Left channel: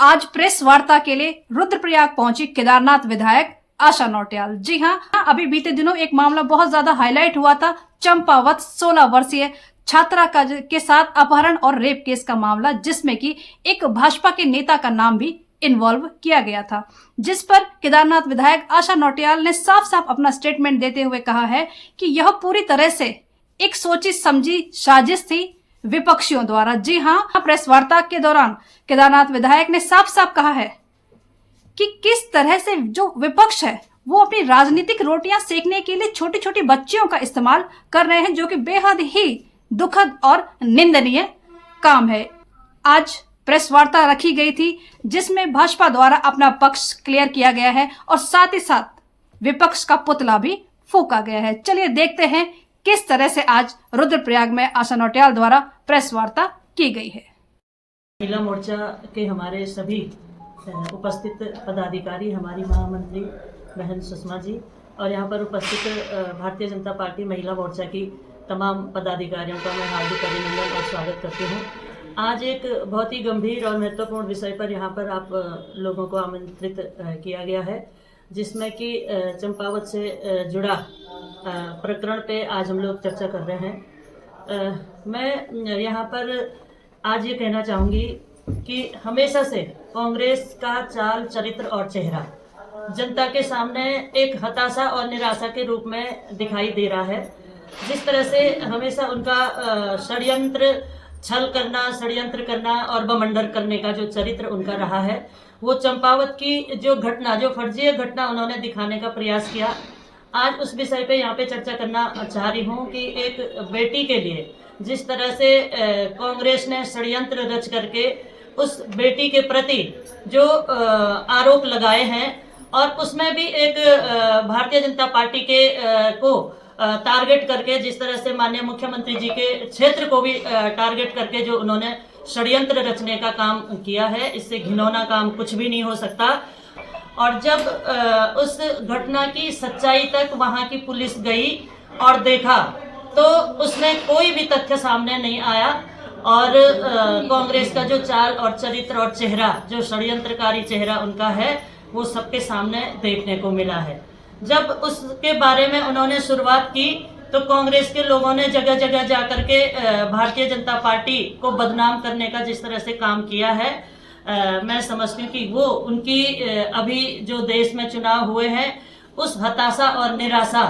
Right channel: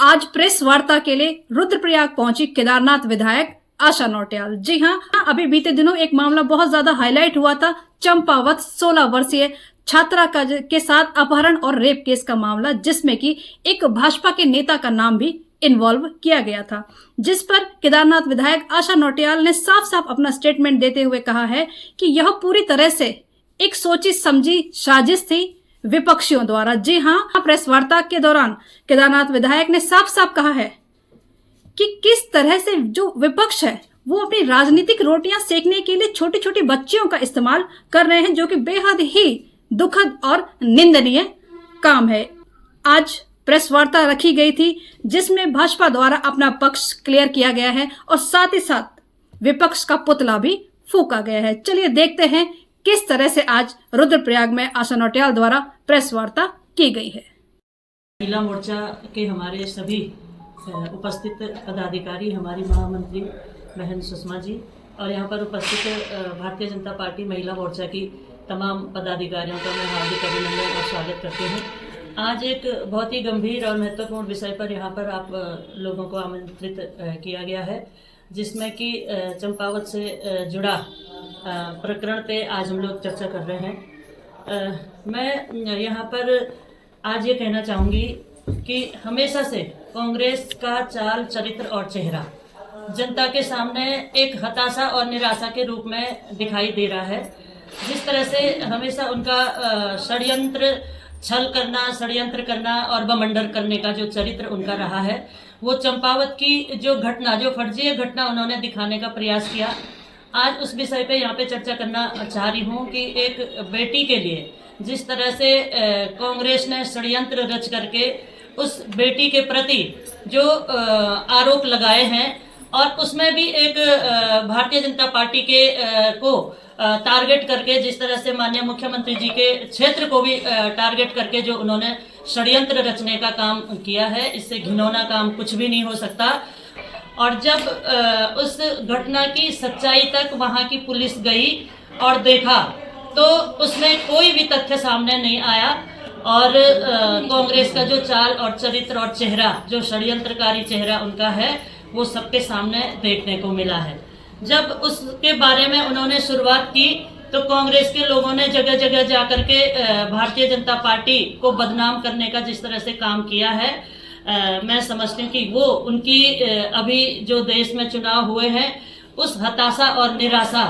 आज प्रेस वार्ता के लिए रुद्रप्रयाग पहुंची केदारनाथ विधायक आशा नौटियाल। जी हां, अभी बीते दिनों एक मामला बहुत ज्यादा हाईलाइट हुआ था, चंपावत 16 वर्षीय छात्रा के साथ अपहरण और रेप केस का मामला, जिसमें कि एक भाजपा के नेता का नाम भी इन्वॉल्व किया गया था, जिस पर केदारनाथ विधायक आशा नौटियाल ने साफ साफ अपना स्टेटमेंट देते हुए कहा है कि यह पूरी तरह से एक सोची समझी साजिश थी विपक्षियों द्वारा। जी हां, प्रेस वार्ता के दौरान केदारनाथ विधायक ने साफ साफ कहा है कि किस तरह से जो विपक्ष है वो अपनी राजनीतिक रोटियां सेकने के लिए छोटी छोटी बच्चियों का इस्तेमाल कर रहे हैं, जो कि बेहद ही दुखद और निंदनीय काम है। आज प्रेस वार्ता रखी गई थी जिसमें भाजपा द्वारा अपना पक्ष क्लियर किया गया है और साथ ही साथ विपक्ष का पुतला भी फूंका गया है। चलिए देखते हैं किस तरह से आज रुद्रप्रयाग में आशा नौटियाल द्वारा प्रेस वार्ता की गई है। महिला मोर्चा के हमारे सभी उपस्थित पदाधिकारी, हमारी महामंत्री बहन सुषमा जी और यहाँ पर उपस्थित भारतीय जनता पार्टी महिला मोर्चा की तमाम पदाधिकारियों का मैं हार्दिक अभिनंदन और स्वागत करती हूँ। आज एक बहुत ही गंभीर और महत्वपूर्ण विषय पर यहाँ पर आप लोगों को आमंत्रित किया गया है, जिसमें कि चंपावत से जुड़ा प्रकरण पे आज हम लोग चर्चा कर रहे हैं। मैं यहाँ पर आज ये कहना चाहूँगी कि हमेशा से कांग्रेस का चाल, चरित्र और चेहरा जनता के सामने एक हताशा और निराशा के रूप में दिखाई दे रहा है। जिस तरह से हमेशा उनका षड्यंत्र, छल करना, षड्यंत्र करना और बमंडर करने का जो चरित्र उनका रहा है, वो चंपावत की जो घटना, जो फर्जी घटना उन्होंने दिखाने का प्रयास किया। आज उस विषय पे यहाँ पे चर्चा करना चाह रही हूँ कि एक बेटी के लिए जिस तरह से कांग्रेस ने षड्यंत्र रच करके उस बेटी के प्रति जो आरोप लगाए हैं, और उसमें भी एक भारतीय जनता पार्टी के को टारगेट करके, जिस तरह से माननीय मुख्यमंत्री जी के क्षेत्र को भी टारगेट करके जो उन्होंने षड्यंत्र रचने का काम किया है, इससे घिनौना काम कुछ भी नहीं हो सकता। और जब उस घटना की सच्चाई तक वहां की पुलिस गई और देखा तो उसमें कोई भी तथ्य सामने नहीं आया और कांग्रेस का जो चाल और चरित्र और चेहरा, जो षड्यंत्रकारी चेहरा उनका है, वो सबके सामने देखने को मिला है। जब उसके बारे में उन्होंने शुरुआत की तो कांग्रेस के लोगों ने जगह जगह जाकर के भारतीय जनता पार्टी को बदनाम करने का जिस तरह से काम किया है, मैं समझती हूँ कि वो उनकी अभी जो देश में चुनाव हुए हैं, उस हताशा और निराशा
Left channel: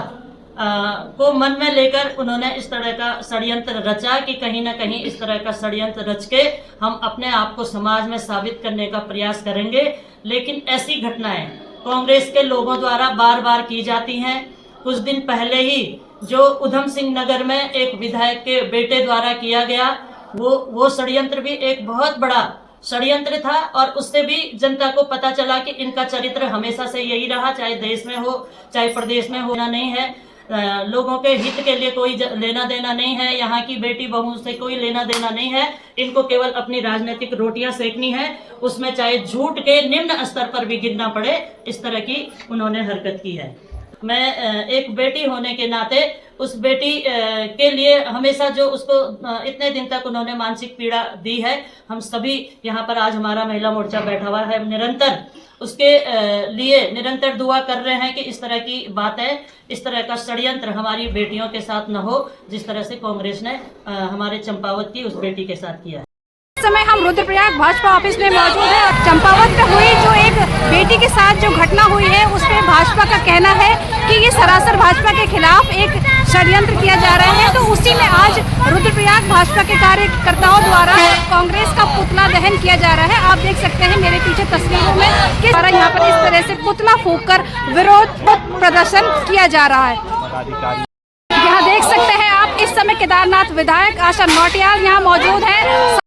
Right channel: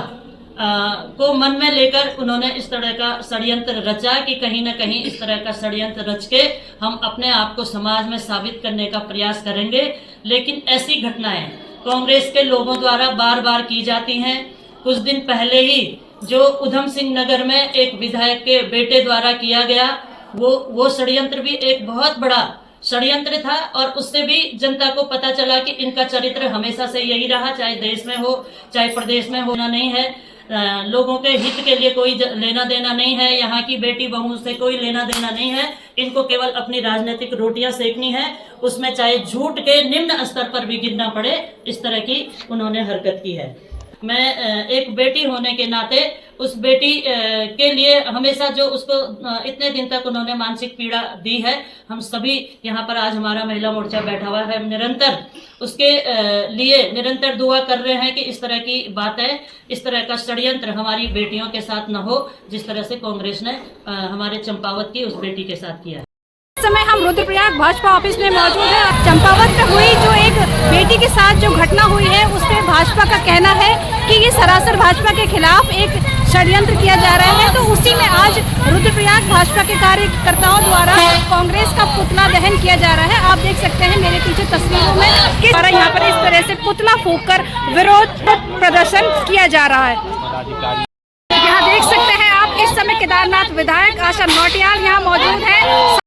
को मन में लेकर उन्होंने इस तरह का षड्यंत्र रचा कि कहीं ना कहीं इस तरह का षड्यंत्र रच के हम अपने आप को समाज में साबित करने का प्रयास करेंगे। लेकिन ऐसी घटनाएं कांग्रेस के लोगों द्वारा बार बार की जाती हैं। कुछ दिन पहले ही जो उधम सिंह नगर में एक विधायक के बेटे द्वारा किया गया, वो षड्यंत्र भी एक बहुत बड़ा षड्यंत्र था और उससे भी जनता को पता चला कि इनका चरित्र हमेशा से यही रहा, चाहे देश में हो चाहे प्रदेश में होना नहीं है। लोगों के हित के लिए कोई लेना देना नहीं है, यहाँ की बेटी बहू से कोई लेना देना नहीं है। इनको केवल अपनी राजनीतिक रोटियां सेकनी है, उसमें चाहे झूठ के निम्न स्तर पर भी गिरना पड़े, इस तरह की उन्होंने हरकत की है। मैं एक बेटी होने के नाते उस बेटी के लिए हमेशा जो उसको इतने दिन तक उन्होंने मानसिक पीड़ा दी है, हम सभी यहाँ पर आज हमारा महिला मोर्चा बैठा हुआ है, निरंतर उसके लिए निरंतर दुआ कर रहे हैं कि इस तरह की बातें, इस तरह का षड्यंत्र हमारी बेटियों के साथ न हो, जिस तरह से कांग्रेस ने हमारे चंपावत की उस बेटी के साथ किया है। इस समय हम रुद्रप्रयाग भाजपा ऑफिस में मौजूद है। चंपावत में हुई जो एक बेटी के साथ जो घटना हुई है, उस पर भाजपा का कहना है कि ये सरासर भाजपा के खिलाफ एक षड्यंत्र किया जा रहा है। तो उसी में आज रुद्रप्रयाग भाजपा के कार्यकर्ताओं द्वारा कांग्रेस का पुतला दहन किया जा रहा है। आप देख सकते हैं मेरे पीछे तस्वीरों में किस तरह यहाँ पर इस तरह से पुतला फूंककर विरोध प्रदर्शन किया जा रहा है। यहाँ देख सकते हैं आप, इस समय केदारनाथ विधायक आशा नौटियाल यहाँ मौजूद है।